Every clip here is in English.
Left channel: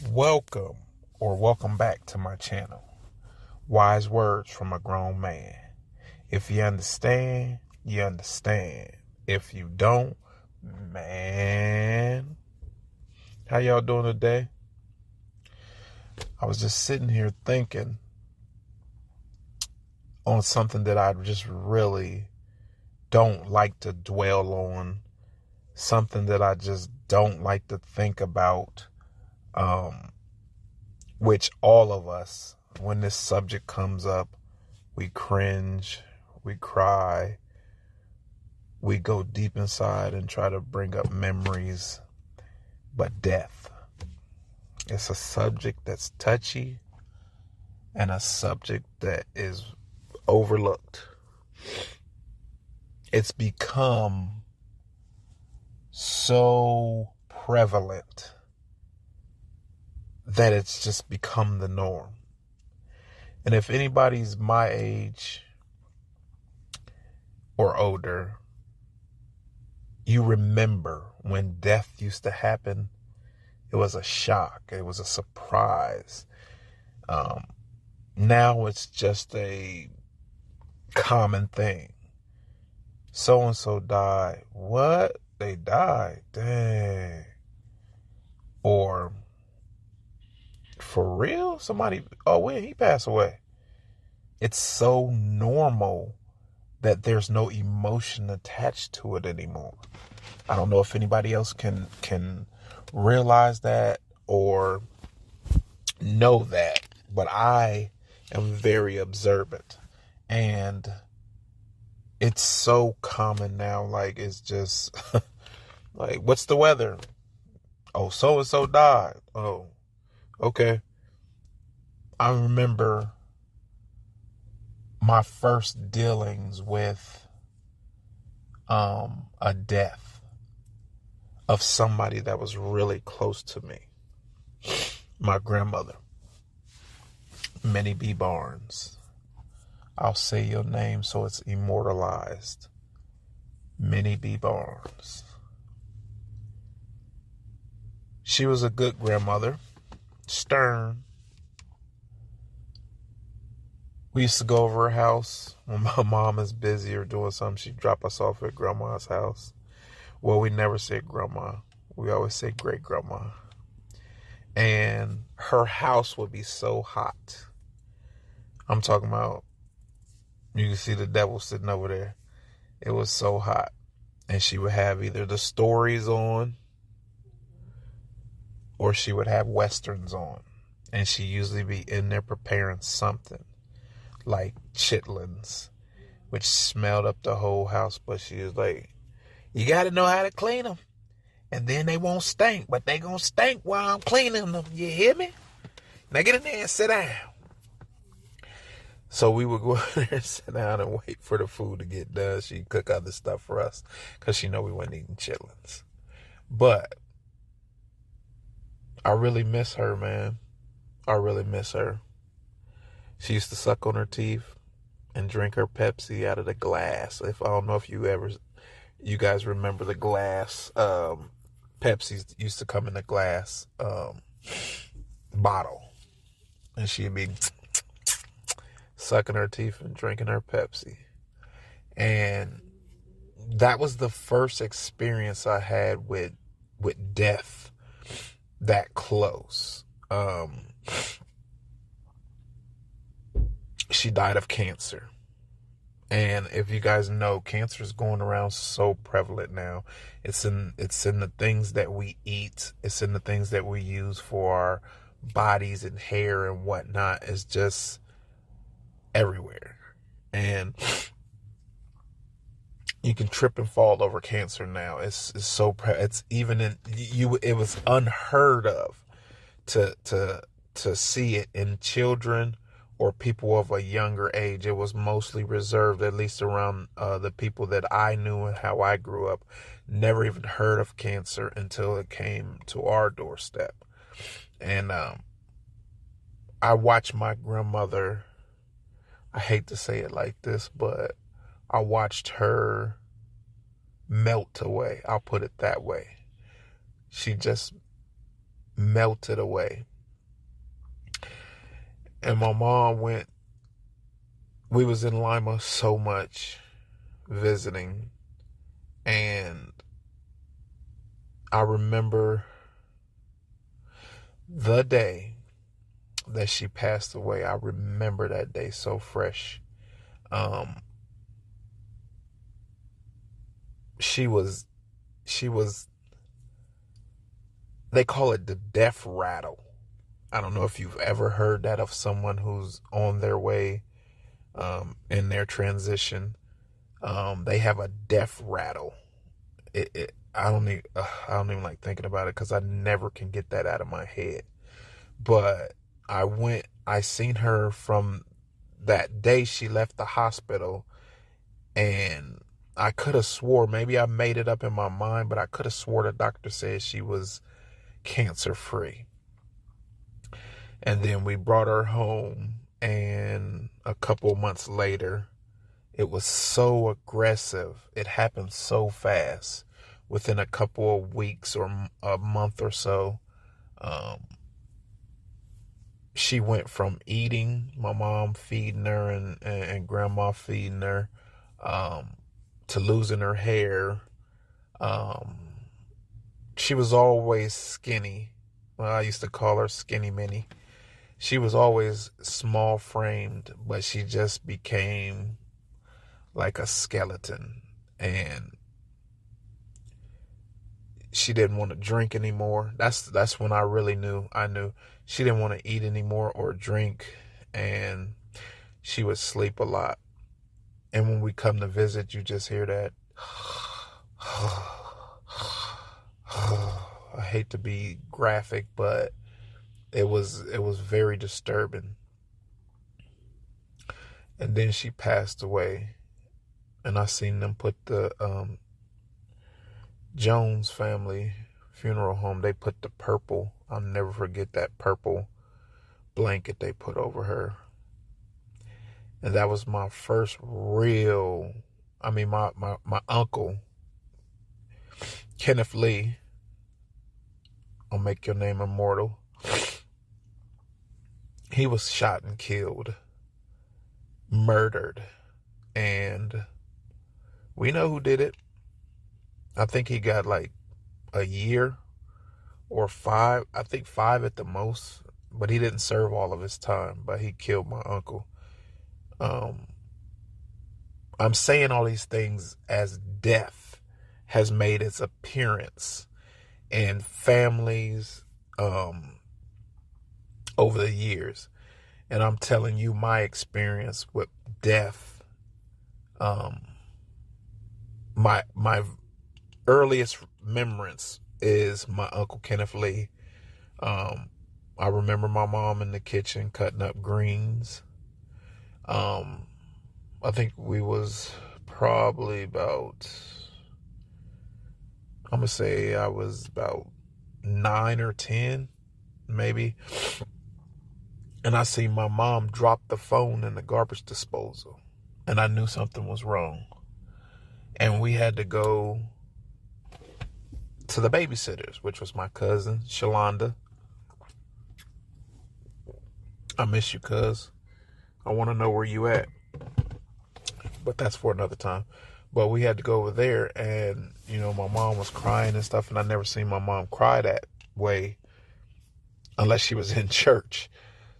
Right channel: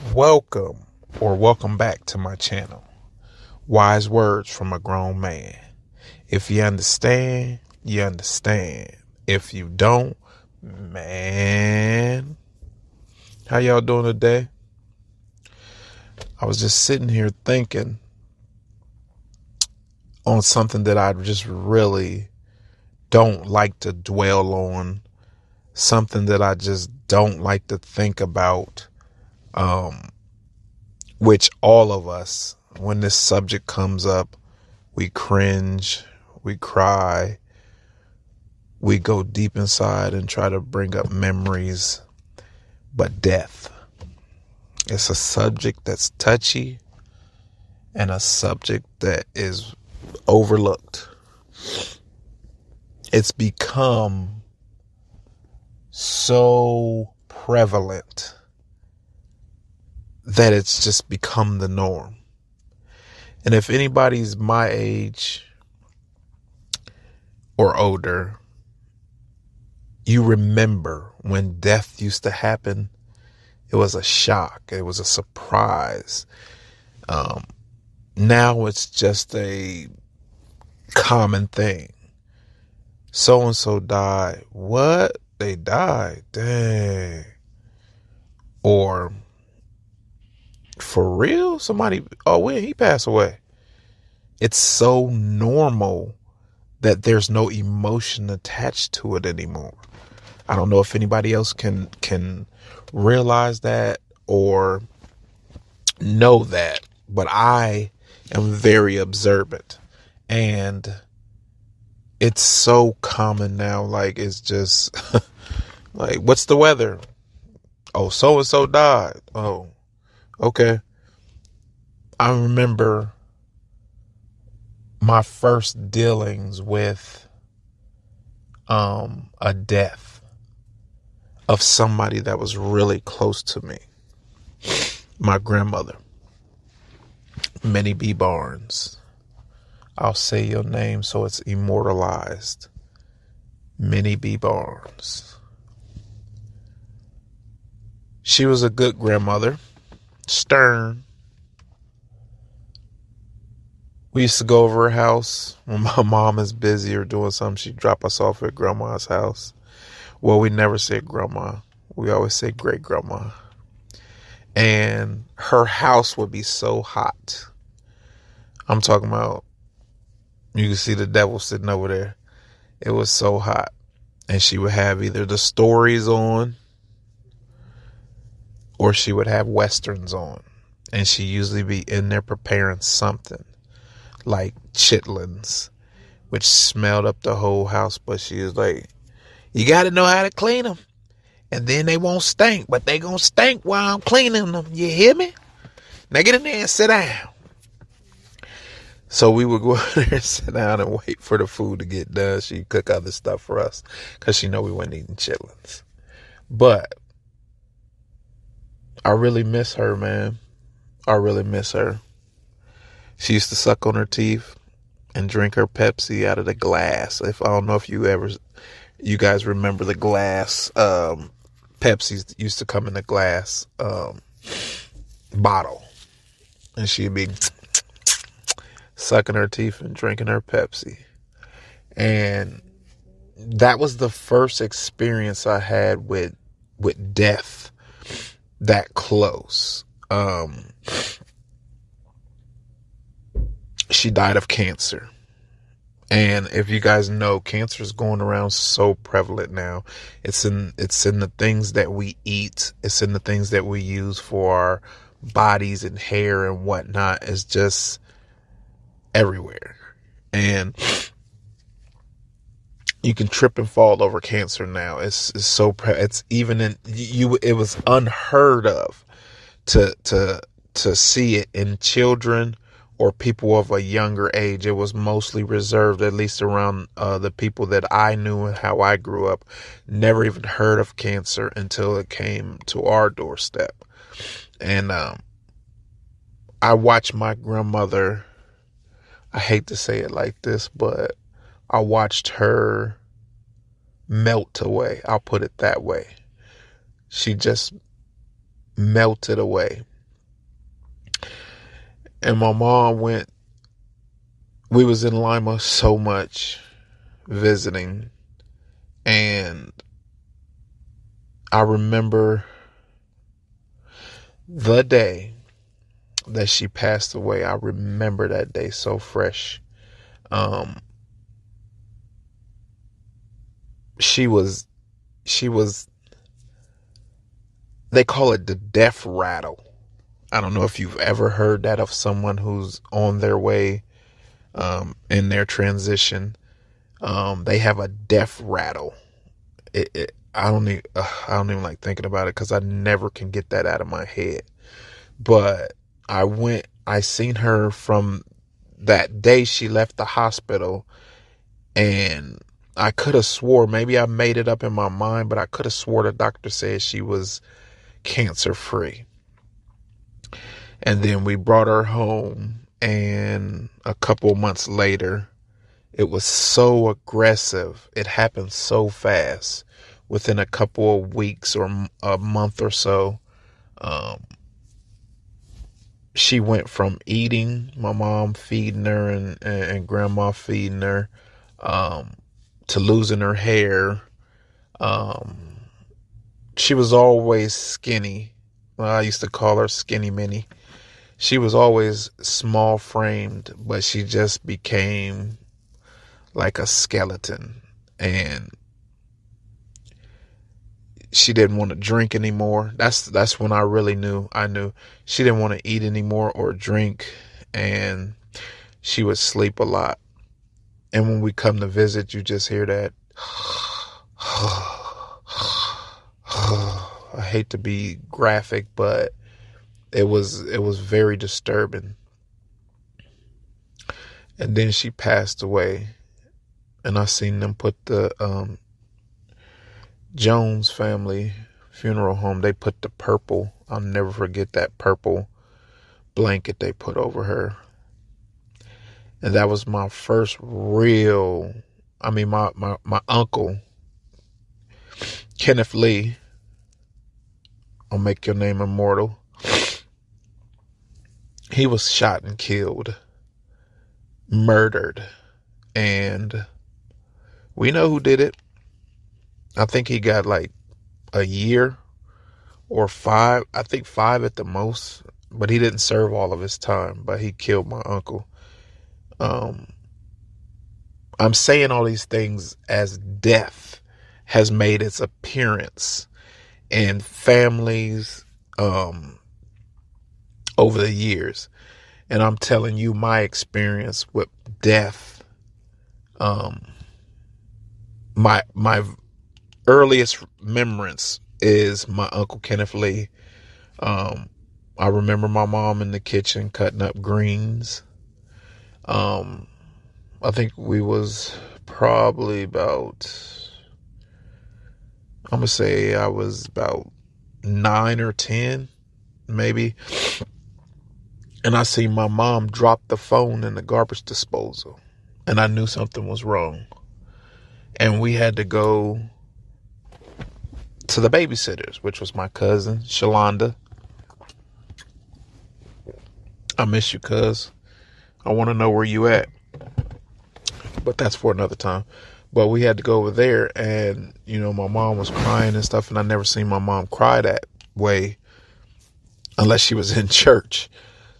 Welcome back to my channel. Wise words from a grown man. If you understand, you understand. If you don't, man. How y'all doing today? I was just sitting here thinking on something that I just really don't like to dwell on. Something that I just don't like to think about. Which all of us, when this subject comes up, we cringe, we cry, we go deep inside and try to bring up memories. But death, it's a subject that's touchy and a subject that is overlooked. It's become so prevalent that it's just become the norm. And if anybody's my age or older, you remember when death used to happen. It was a shock. It was a surprise. Now it's just a common thing. So-and-so died. What? They died? Dang. Or, for real? Somebody, when he passed away. It's so normal that there's no emotion attached to it anymore. I don't know if anybody else can realize that or know that, but I am very observant, and it's so common now. Like, it's just like, what's the weather? Oh, so and so died. Oh, okay. I remember my first dealings with a death of somebody that was really close to me. My grandmother, Minnie B. Barnes. I'll say your name so it's immortalized. Minnie B. Barnes. She was a good grandmother, stern. We used to go over her house when my mom is busy or doing something. She'd drop us off at grandma's house. Well, we never said grandma. We always say great grandma. And her house would be so hot. I'm talking about, you can see the devil sitting over there. It was so hot. And she would have either the stories on or she would have westerns on. And she usually be in there preparing something like chitlins, which smelled up the whole house. But she was like, you got to know how to clean them. And then they won't stink, but they gonna stink while I'm cleaning them. You hear me? Now get in there and sit down. So we would go in there and sit down and wait for the food to get done. She'd cook other stuff for us because she know we wasn't eating chitlins. But I really miss her, man. I really miss her. She used to suck on her teeth and drink her Pepsi out of the glass. I don't know if you guys remember the glass. Pepsi used to come in a glass bottle, and she'd be sucking her teeth and drinking her Pepsi. And that was the first experience I had with death that close. She died of cancer. And if you guys know, cancer is going around so prevalent now. It's in the things that we eat. It's in the things that we use for our bodies and hair and whatnot. It's just everywhere. And you can trip and fall over cancer now. It's even in you. It was unheard of to see it in children or people of a younger age. It was mostly reserved, at least around the people that I knew and how I grew up. Never even heard of cancer until it came to our doorstep. And I watched my grandmother, I hate to say it like this, but I watched her melt away. I'll put it that way. She just melted away. And my mom went, we was in Lima so much visiting, and I remember the day that she passed away. I remember that day so fresh. She was, they call it the death rattle. I don't know if you've ever heard that of someone who's on their way, in their transition. They have a death rattle. I don't even like thinking about it because I never can get that out of my head. But I seen her from that day she left the hospital, and I could have swore, maybe I made it up in my mind, but I could have swore the doctor said she was cancer free. And then we brought her home, and a couple months later, it was so aggressive. It happened so fast. Within a couple of weeks or a month or so, she went from eating, my mom feeding her and grandma feeding her, to losing her hair. She was always skinny. Well, I used to call her Skinny Minnie. She was always small framed, but she just became like a skeleton. And she didn't want to drink anymore. That's when I really knew. I knew she didn't want to eat anymore or drink, and she would sleep a lot. And when we come to visit, you just hear that. I hate to be graphic, but it was very disturbing. And then she passed away, and I seen them put the Jones family funeral home. They put the purple, I'll never forget that purple blanket they put over her. And that was my first real, my uncle, Kenneth Lee, I'll make your name immortal. He was shot and killed, murdered. And we know who did it. I think he got like a year or 5. I think 5 at the most. But he didn't serve all of his time. But he killed my uncle. I'm saying all these things as death has made its appearance in families over the years. And I'm telling you my experience with death. My earliest remembrance is my Uncle Kenneth Lee. I remember my mom in the kitchen cutting up greens. I think we was probably about, I'm going to say I was about 9 or 10, maybe. And I seen my mom drop the phone in the garbage disposal. And I knew something was wrong. And we had to go to the babysitters, which was my cousin, Shalonda. I miss you, cuz. I want to know where you at. But that's for another time. But we had to go over there, and, my mom was crying and stuff, and I never seen my mom cry that way unless she was in church.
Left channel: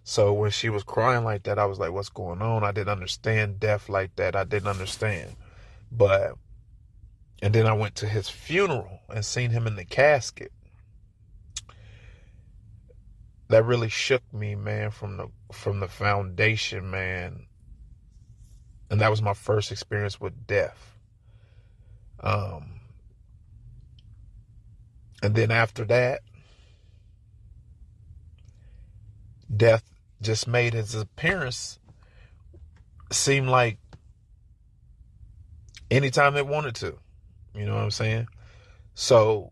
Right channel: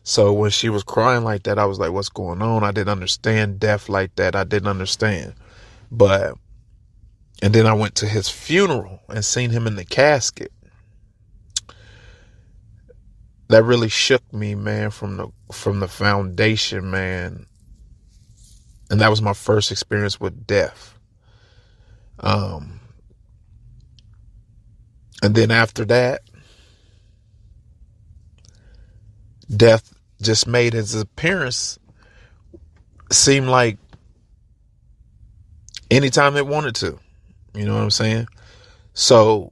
So when she was crying like that, I was like, what's going on? I didn't understand death like that. I didn't understand. And then I went to his funeral and seen him in the casket. That really shook me, man, from the foundation, man. And that was my first experience with death. And then after that, death just made his appearance seem like anytime they wanted to. You know what I'm saying? So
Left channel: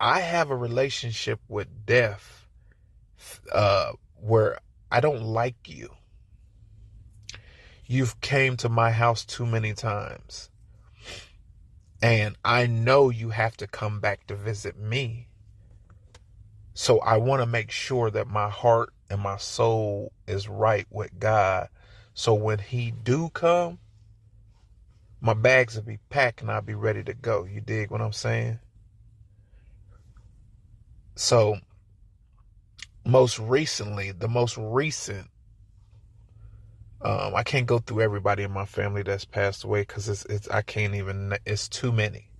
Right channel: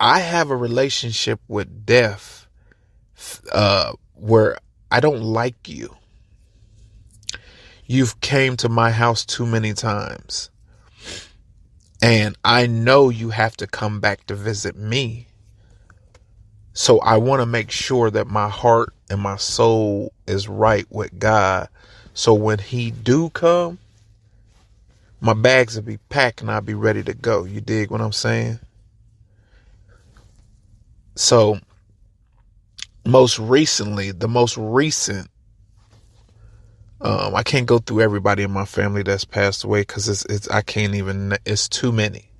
I have a relationship with death where I don't like you. You've came to my house too many times. And I know you have to come back to visit me. So I want to make sure that my heart and my soul is right with God. So when he do come, my bags will be packed and I'll be ready to go. You dig what I'm saying? So the most recent, I can't go through everybody in my family that's passed away because I can't even, it's too many.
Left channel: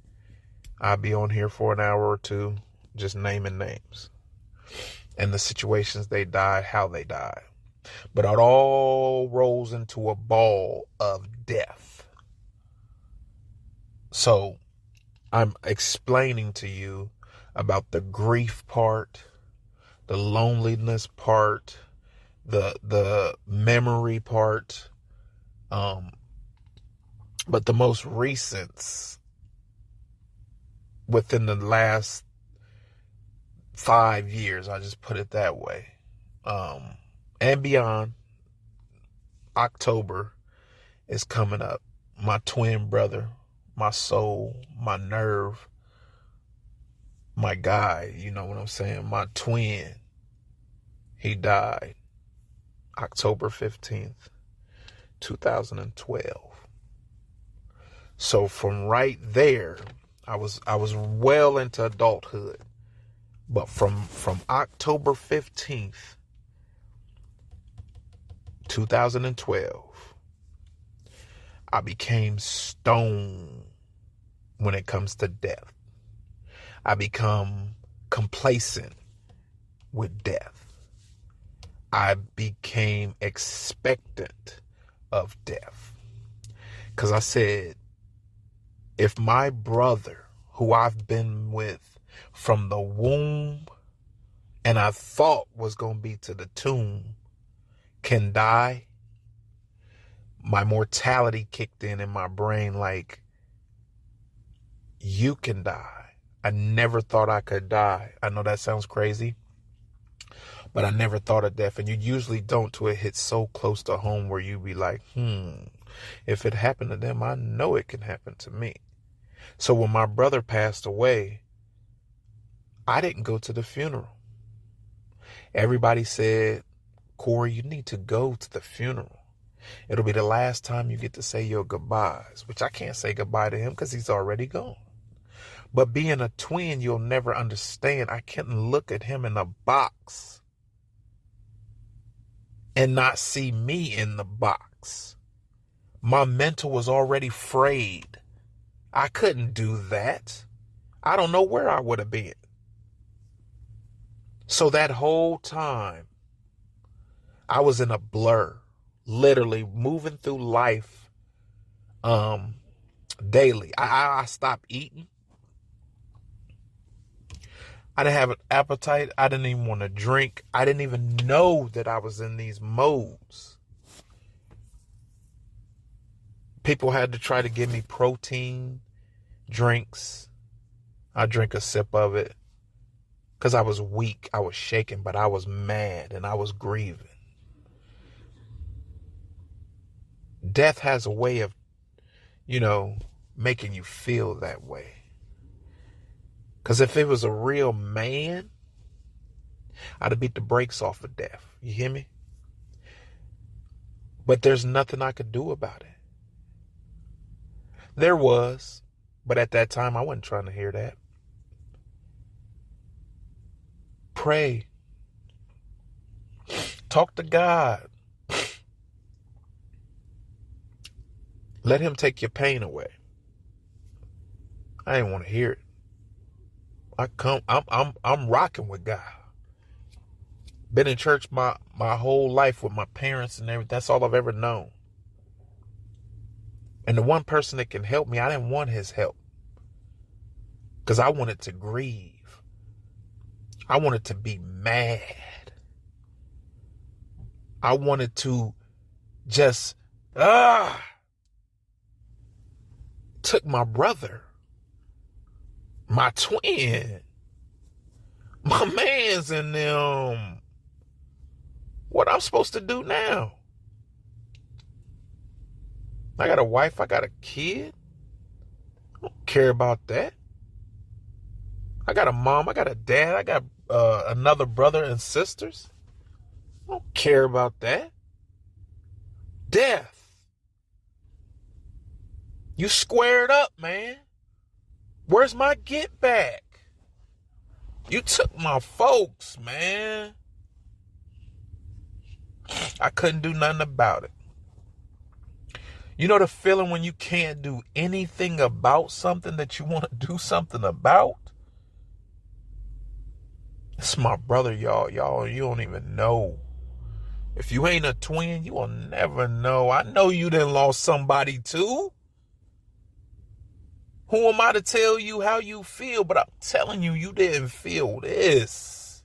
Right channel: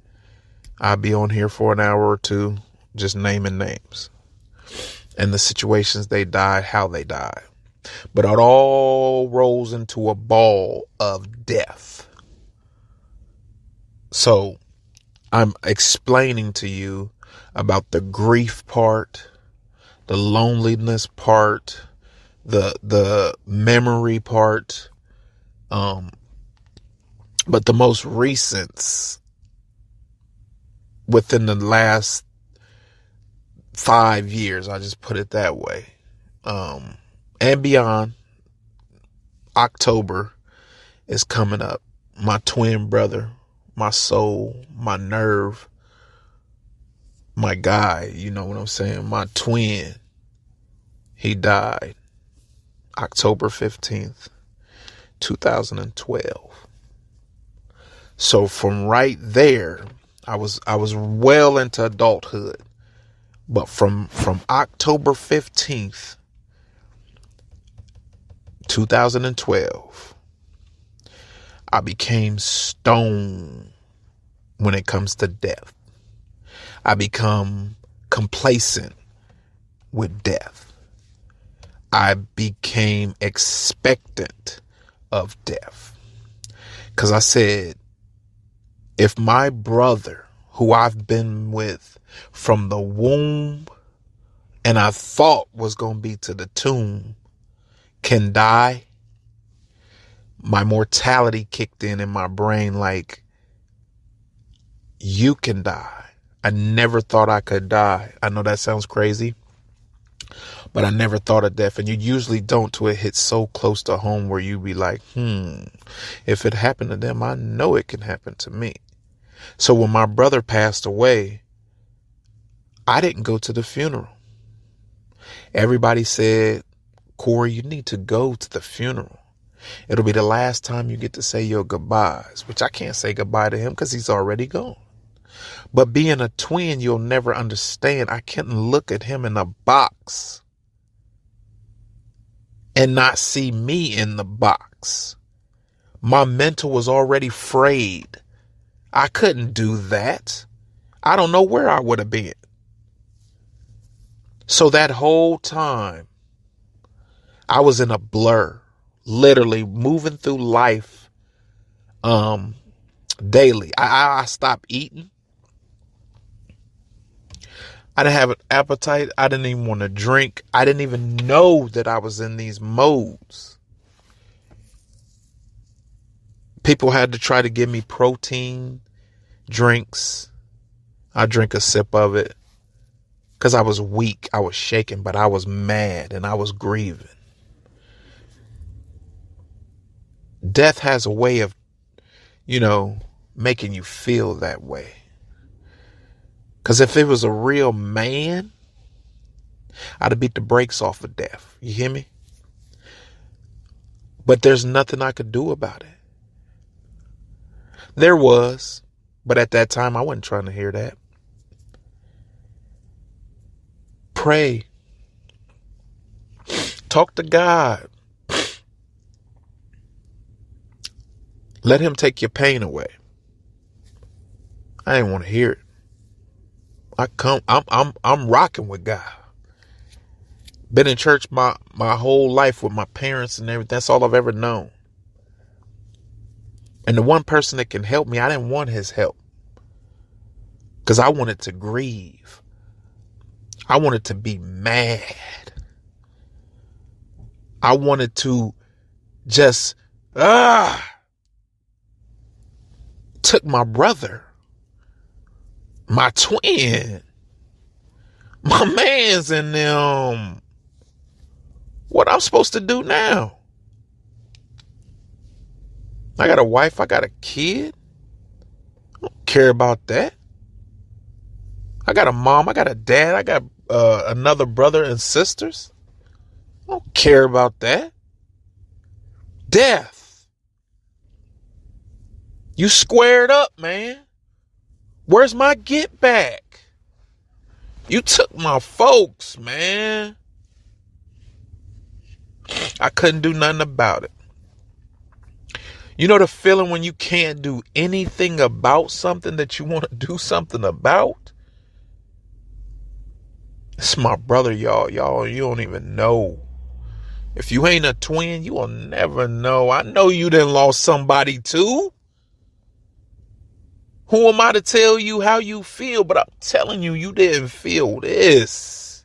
I'll be on here for an hour or two just naming names and the situations they died, how they died. But it all rolls into a ball of death. So I'm explaining to you about the grief part, the loneliness part, the memory part. But the most recent, within the last 5 years, I just put it that way, and beyond, October is coming up. My twin brother, my soul, my nerve, my guy, you know what I'm saying? My twin, he died October 15th, 2012. So from right there, I was well into adulthood. But from October 15th, 2012, I became stone when it comes to death. I become complacent with death. I became expectant of death. Because I said, if my brother, who I've been with from the womb and I thought was going to be to the tomb, can die, my mortality kicked in my brain like, you can die. I never thought I could die. I know that sounds crazy, but I never thought of death. And you usually don't till it hits so close to home where you be like, if it happened to them, I know it can happen to me. So when my brother passed away, I didn't go to the funeral. Everybody said, Corey, you need to go to the funeral. It'll be the last time you get to say your goodbyes, which I can't say goodbye to him because he's already gone. But being a twin, you'll never understand. I couldn't look at him in a box and not see me in the box. My mental was already frayed. I couldn't do that. I don't know where I would have been. So that whole time, I was in a blur, literally moving through life daily. I stopped eating. I didn't have an appetite. I didn't even want to drink. I didn't even know that I was in these modes. People had to try to give me protein drinks. I drank a sip of it because I was weak. I was shaking, but I was mad and I was grieving. Death has a way of, making you feel that way. Because if it was a real man, I'd have beat the brakes off of death. You hear me? But there's nothing I could do about it. There was, but at that time, I wasn't trying to hear that. Pray. Talk to God. Let him take your pain away. I didn't want to hear it. I'm rocking with God. Been in church my whole life with my parents and everything. That's all I've ever known. And the one person that can help me, I didn't want his help. Because I wanted to grieve. I wanted to be mad. I wanted to just, took my brother, my twin, my mans and them. What I'm supposed to do now? I got a wife, I got a kid. I don't care about that. I got a mom, I got a dad, I got another brother and sisters. I don't care about that. Death. You squared up, man. Where's my get back? You took my folks, man. I couldn't do nothing about it. You know the feeling when you can't do anything about something that you want to do something about? It's my brother, y'all. Y'all, you don't even know. If you ain't a twin, you will never know. I know you done lost somebody too. Who am I to tell you how you feel? But I'm telling you, you didn't feel this.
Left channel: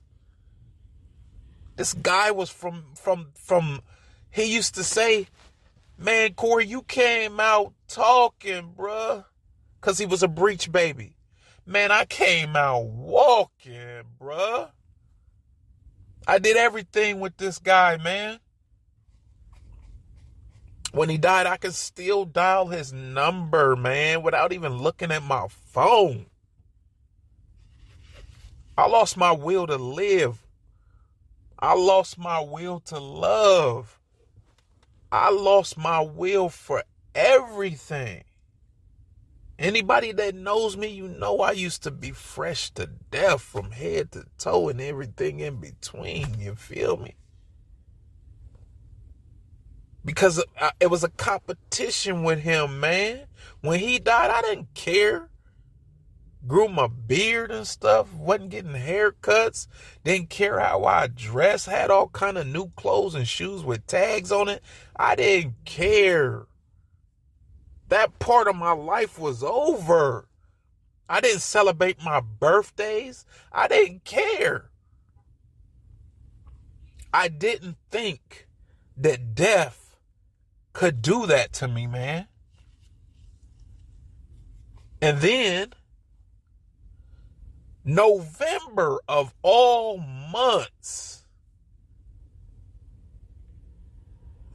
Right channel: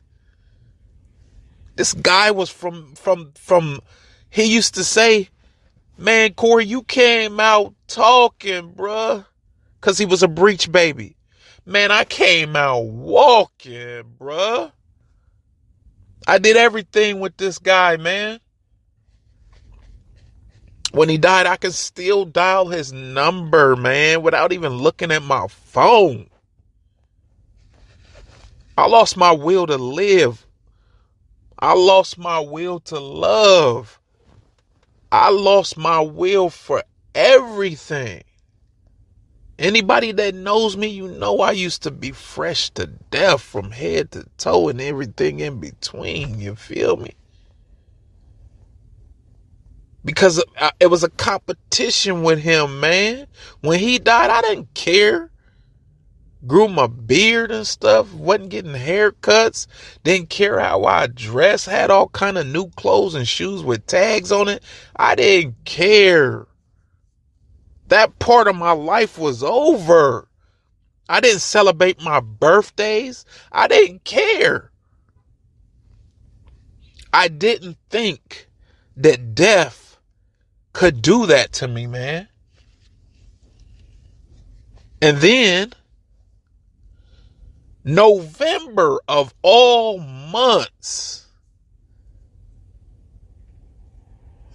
This guy was from, he used to say, man, Corey, you came out talking, bruh. Because he was a breech baby. Man, I came out walking, bruh. I did everything with this guy, man. When he died, I could still dial his number, man, without even looking at my phone. I lost my will to live. I lost my will to love. I lost my will for everything. Anybody that knows me, you know I used to be fresh to death from head to toe and everything in between. You feel me? Because it was a competition with him, man. When he died, I didn't care. Grew my beard and stuff. Wasn't getting haircuts. Didn't care how I dressed. Had all kind of new clothes and shoes with tags on it. I didn't care. That part of my life was over. I didn't celebrate my birthdays. I didn't care. I didn't think that death could do that to me, man. And then November of all months,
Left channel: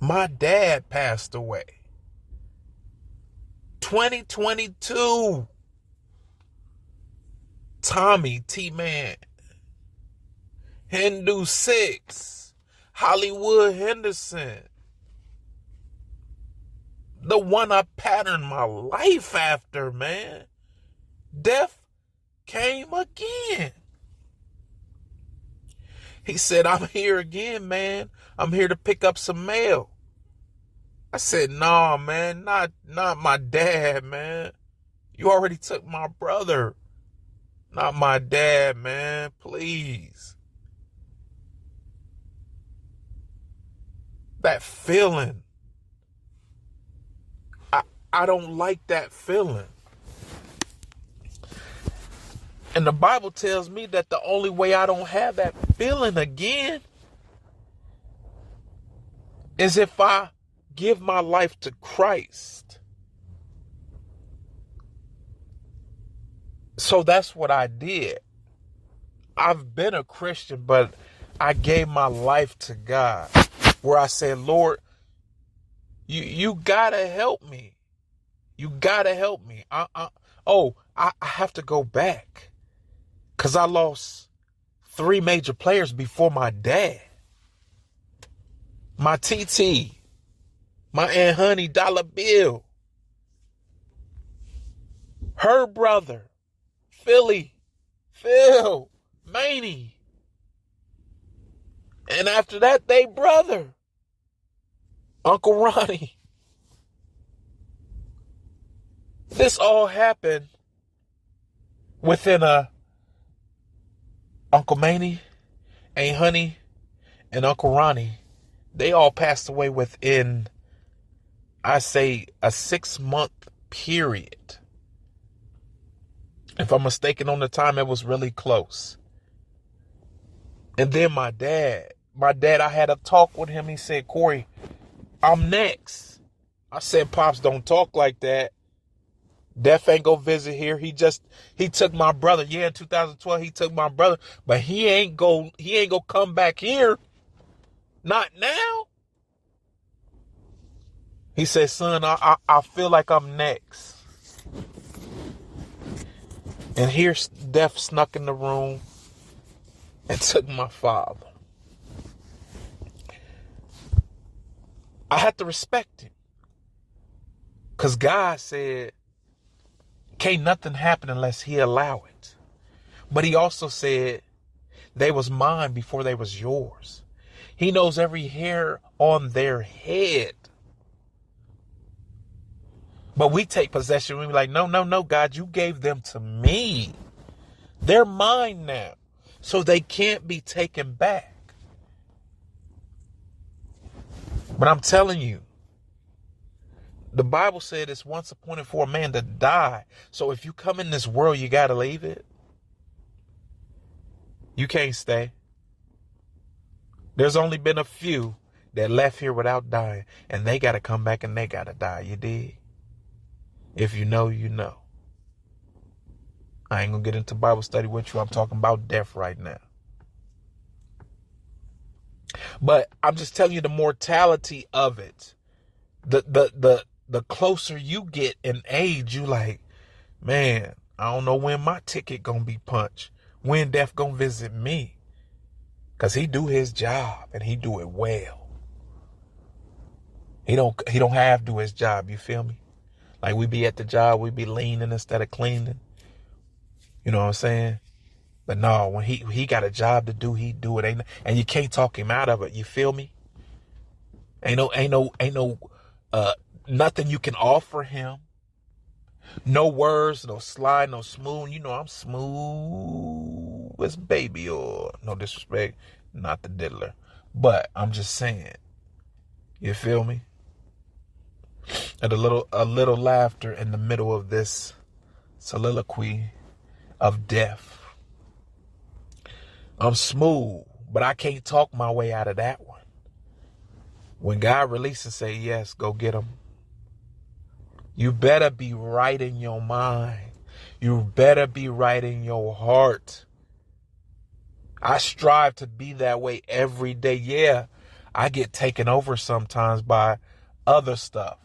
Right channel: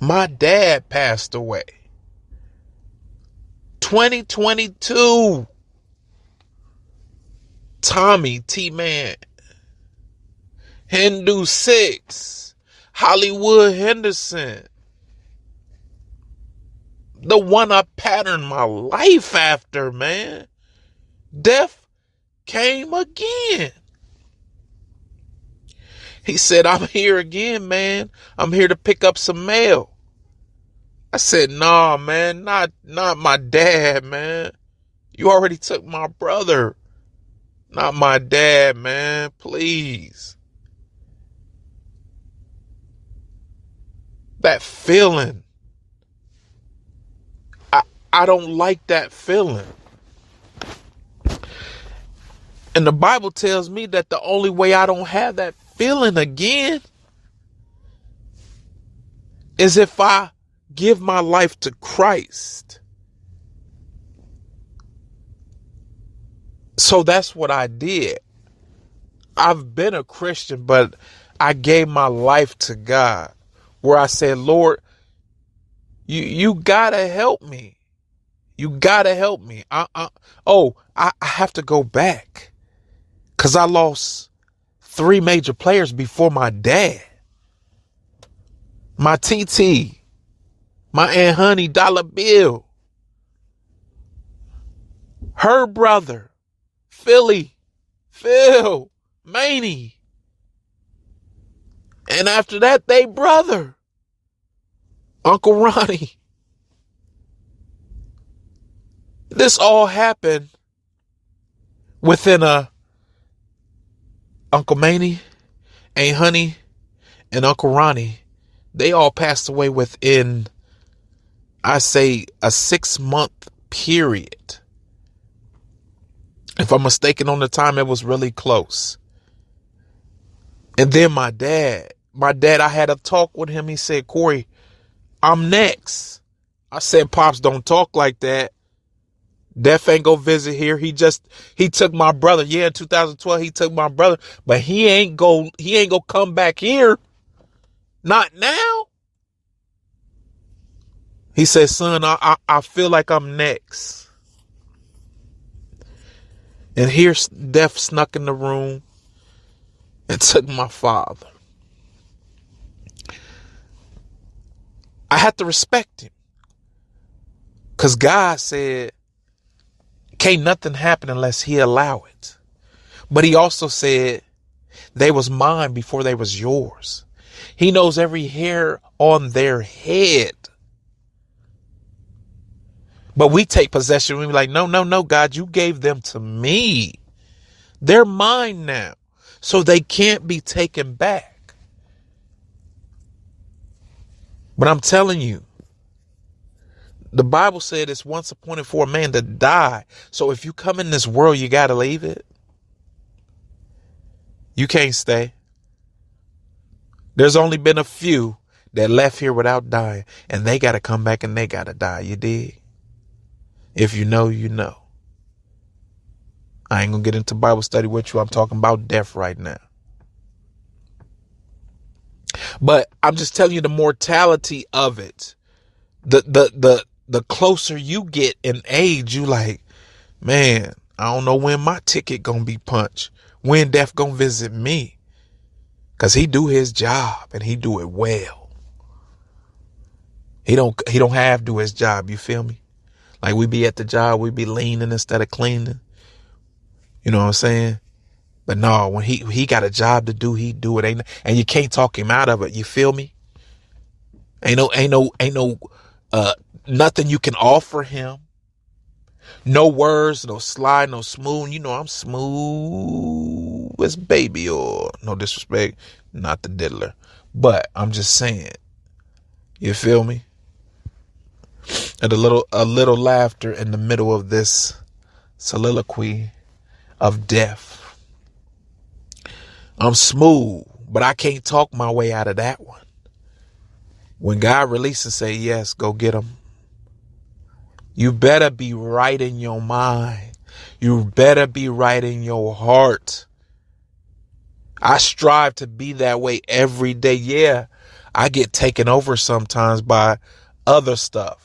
my dad passed away. 2022. Tommy T-Man. Hindu 6. Hollywood Henderson. The one I patterned my life after, man. Death came again. He said, I'm here again, man. I'm here to pick up some mail. I said, nah, man, not my dad, man. You already took my brother. Not my dad, man. Please. That feeling. I don't like that feeling. And the Bible tells me that the only way I don't have that feeling again is if I give my life to Christ. So that's what I did. I've been a Christian, but I gave my life to God, where I said, Lord, you gotta help me. You gotta help me. I have to go back, because I lost 3 major players before my dad. My TT, my Aunt Honey, Dollar Bill, her brother, Phil, Maney. And after that, they brother, Uncle Ronnie. This all happened within Uncle Maney, Aunt Honey, and Uncle Ronnie. They all passed away within, I say, a 6-month period. If I'm mistaken on the time, it was really close. And then my dad, I had a talk with him. He said, Corey, I'm next. I said, Pops, don't talk like that. Death ain't go visit here. He took my brother. Yeah, in 2012, he took my brother, but he ain't go come back here. Not now. He said, son, I feel like I'm next. And here Death snuck in the room. and took my father. I had to respect him because God said, can't nothing happen unless he allow it. But he also said, they was mine before they was yours. He knows every hair on their head. But we take possession. We be like, no, no, no, God, you gave them to me. They're mine now. So they can't be taken back. But I'm telling you, the Bible said it's once appointed for a man to die. So if you come in this world, you got to leave it. You can't stay. There's only been a few that left here without dying, and they got to come back and they got to die. You dig? If you know, you know. I ain't going to get into Bible study with you. I'm talking about death right now. But I'm just telling you the mortality of it. The closer you get in age, you like, man, I don't know when my ticket going to be punched. When death going to visit me. Because he do his job and he do it well. He don't have to do his job. You feel me? Like we be at the job, we be leaning instead of cleaning. You know what I'm saying? But no, when he got a job to do, he do it. And you can't talk him out of it. You feel me? Ain't no nothing you can offer him. No words, no slide, no smooth. You know I'm smooth as baby, or no disrespect, not the diddler. But I'm just saying. You feel me? And a little laughter in the middle of this soliloquy of death. I'm smooth, but I can't talk my way out of that one. When God releases, say, yes, go get him. You better be right in your mind. You better be right in your heart. I strive to be that way every day. Yeah, I get taken over sometimes by other stuff.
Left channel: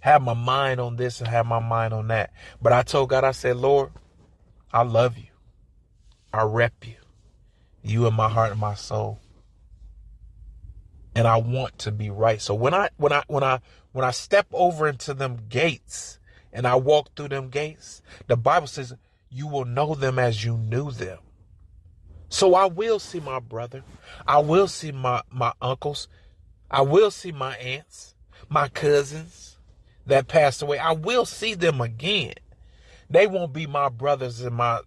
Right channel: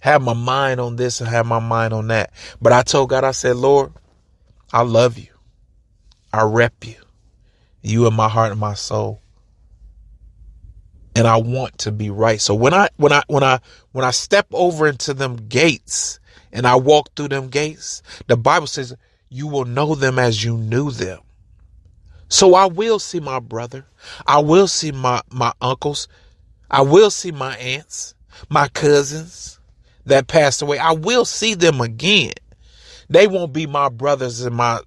Have my mind on this and have my mind on that. But I told God, I said, Lord, I love you. I rep you. You in my heart and my soul. And I want to be right. So when I step over into them gates and I walk through them gates, the Bible says you will know them as you knew them. So I will see my brother. I will see my uncles. I will see my aunts, my cousins that passed away. I will see them again. They won't be my brothers and my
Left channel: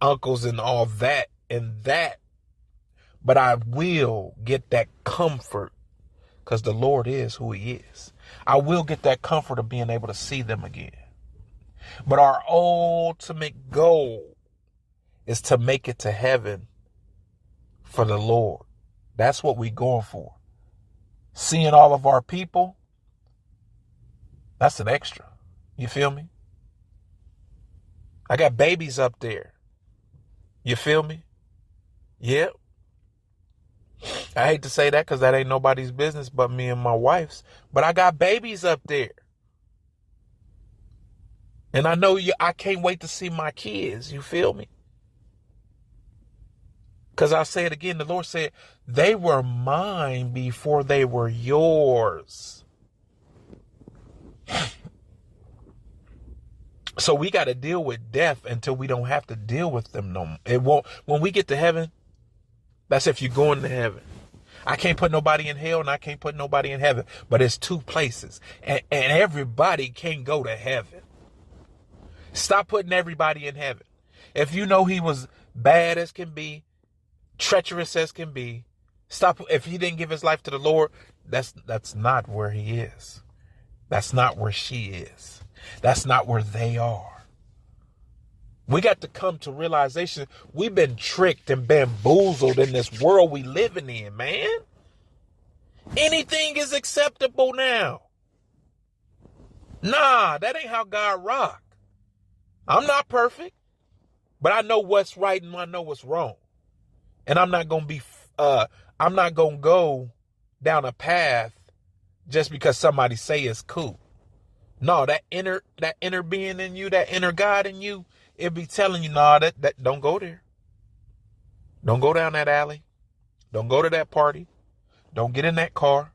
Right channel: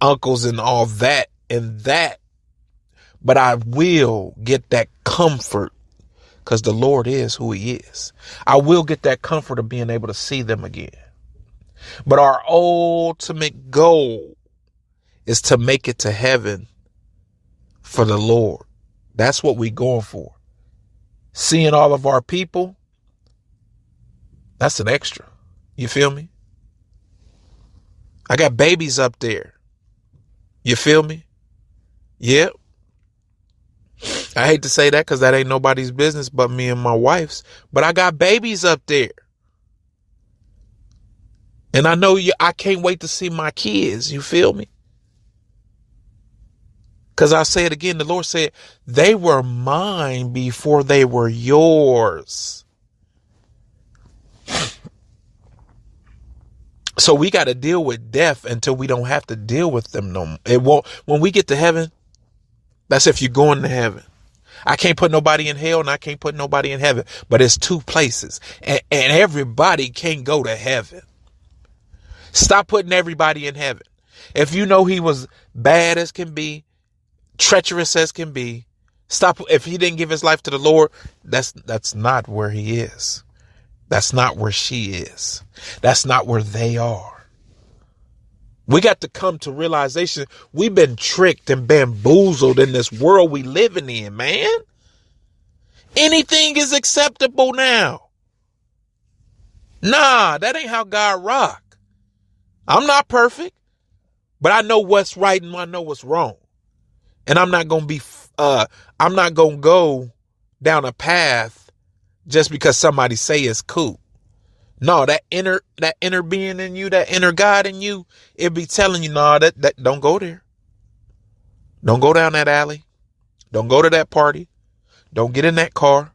uncles and all that and that. But I will get that comfort because the Lord is who he is. I will get that comfort of being able to see them again. But our ultimate goal is to make it to heaven for the Lord. That's what we're going for. Seeing all of our people, that's an extra. You feel me? I got babies up there. You feel me? Yep. I hate to say that because that ain't nobody's business but me and my wife's. But I got babies up there. And I know I can't wait to see my kids. You feel me? Because I say it again, the Lord said, they were mine before they were yours. So we got to deal with death until we don't have to deal with them no more. It won't. When we get to heaven, that's if you're going to heaven. I can't put nobody in hell and I can't put nobody in heaven. But it's two places. And everybody can't go to heaven. Stop putting everybody in heaven. If you know he was bad as can be, treacherous as can be, stop. If he didn't give his life to the Lord, that's not where he is. That's not where she is. That's not where they are. We got to come to realization we've been tricked and bamboozled in this world we living in, man. Anything is acceptable now. Nah, that ain't how God rock. I'm not perfect, but I know what's right and I know what's wrong. And I'm not going to go down a path just because somebody say it's cool. No, that inner being in you, that inner God in you, it be telling you, no, that don't go there. Don't go down that alley. Don't go to that party. Don't get in that car.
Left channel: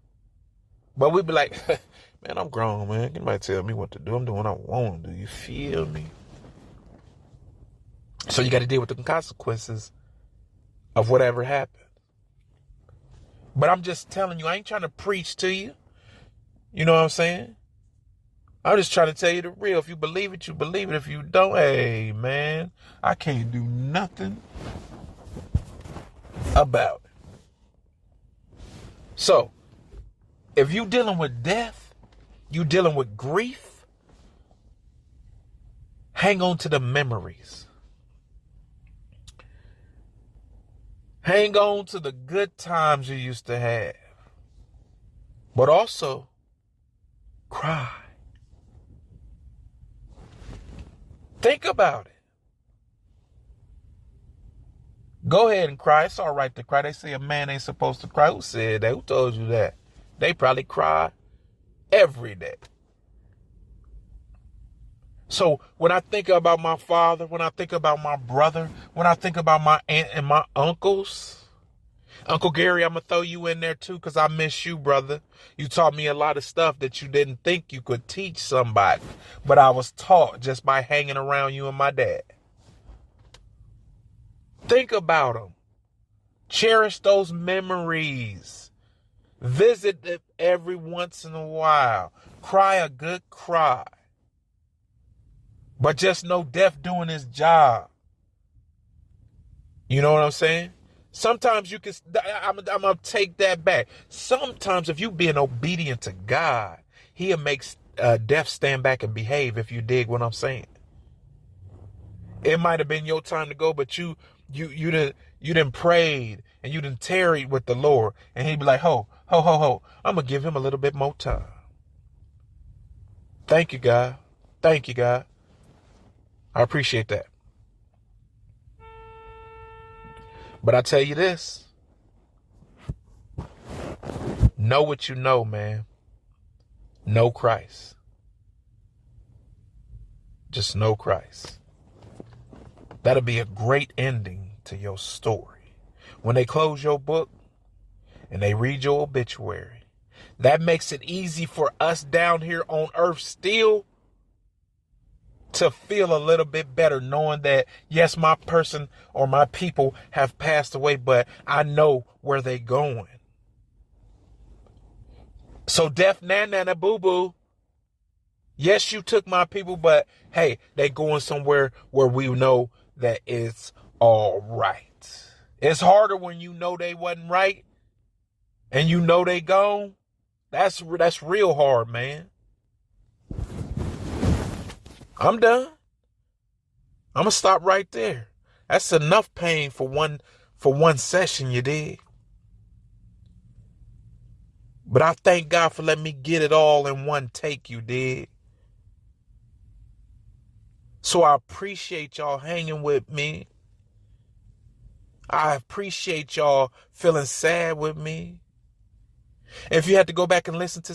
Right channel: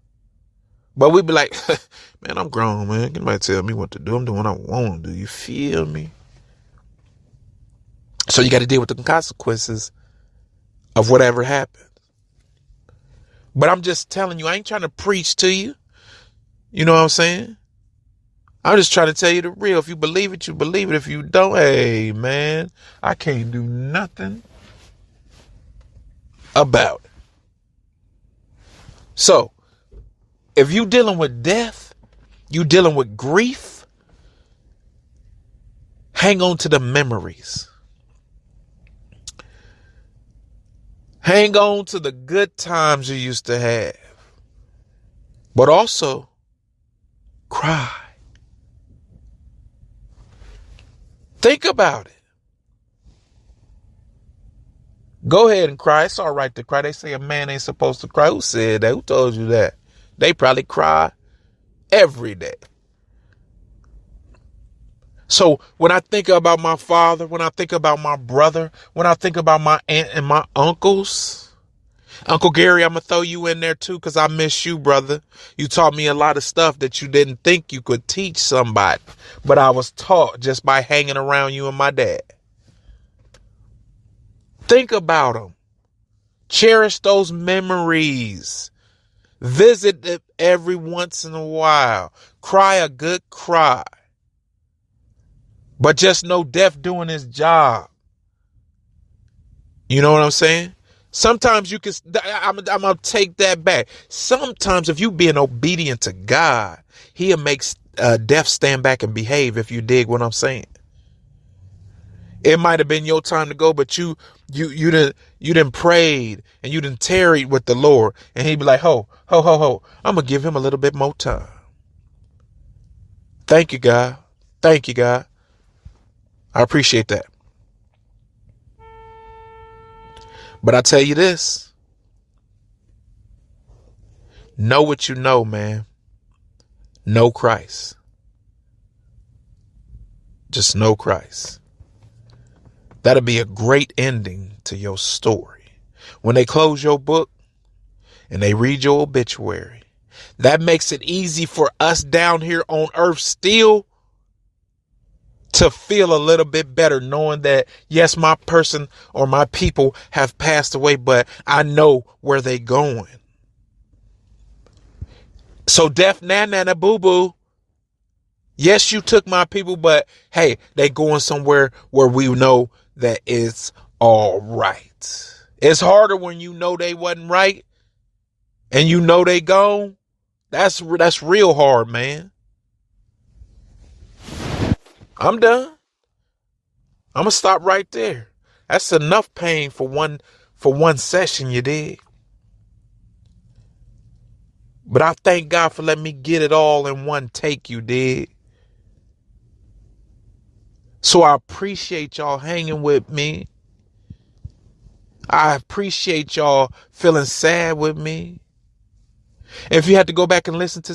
But we be like, man, I'm grown, man. Can nobody tell me what to do? I'm doing what I want to do. You feel me? So you got to deal with the consequences of whatever happened. But I'm just telling you, I ain't trying to preach to you. You know what I'm saying? I'm just trying to tell you the real. If you believe it, you believe it. If you don't, hey, man, I can't do nothing about it. So, if you dealing with death, you dealing with grief, hang on to the memories. Hang on to the good times you used to have. But also, cry. Think about it. Go ahead and cry. It's all right to cry. They say a man ain't supposed to cry. Who said that? Who told you that? They probably cry every day. So when I think about my father, when I think about my brother, when I think about my aunt and my uncles, Uncle Gary, I'm going to throw you in there too because I miss you, brother. You taught me a lot of stuff that you didn't think you could teach somebody, but I was taught just by hanging around you and my dad. Think about them. Cherish those memories. Visit it every once in a while. Cry a good cry. But just know death doing his job. You know what I'm saying? Sometimes you can, I'm going to take that back. Sometimes if you being obedient to God, he'll make death stand back and behave, if you dig what I'm saying. It might have been your time to go, but you done prayed and you done tarried with the Lord, and he'd be like, ho, I'm going to give him a little bit more time. Thank you, God. Thank you, God. I appreciate that. But I tell you this, know what you know, man. Know Christ. Just know Christ. That'll be a great ending to your story. When they close your book and they read your obituary, that makes it easy for us down here on earth still to feel a little bit better, knowing that, yes, my person or my people have passed away, but I know where they going. So death, nana, boo boo. Yes, you took my people, but hey, they going somewhere where we know that it's all right. It's harder when you know they wasn't right and you know they gone. That's real hard, man. I'm done. I'm gonna stop right there. That's enough pain for one session, you did. But I thank God for letting me get it all in one take, you did. So I appreciate y'all hanging with me. I appreciate y'all feeling sad with me. If you had to go back and listen to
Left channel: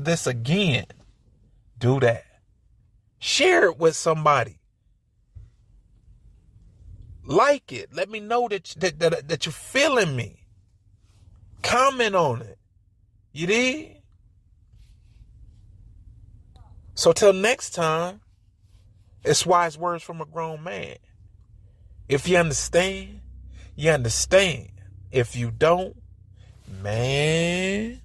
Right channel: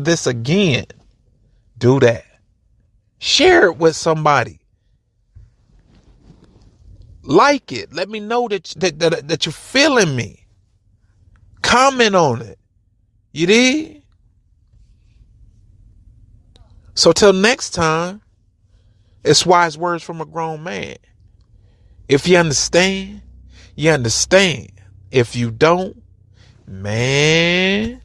this again, do that. Share it with somebody. Like it. Let me know that you're feeling me. Comment on it. You did? So till next time, it's wise words from a grown man. If you understand, you understand. If you don't, man,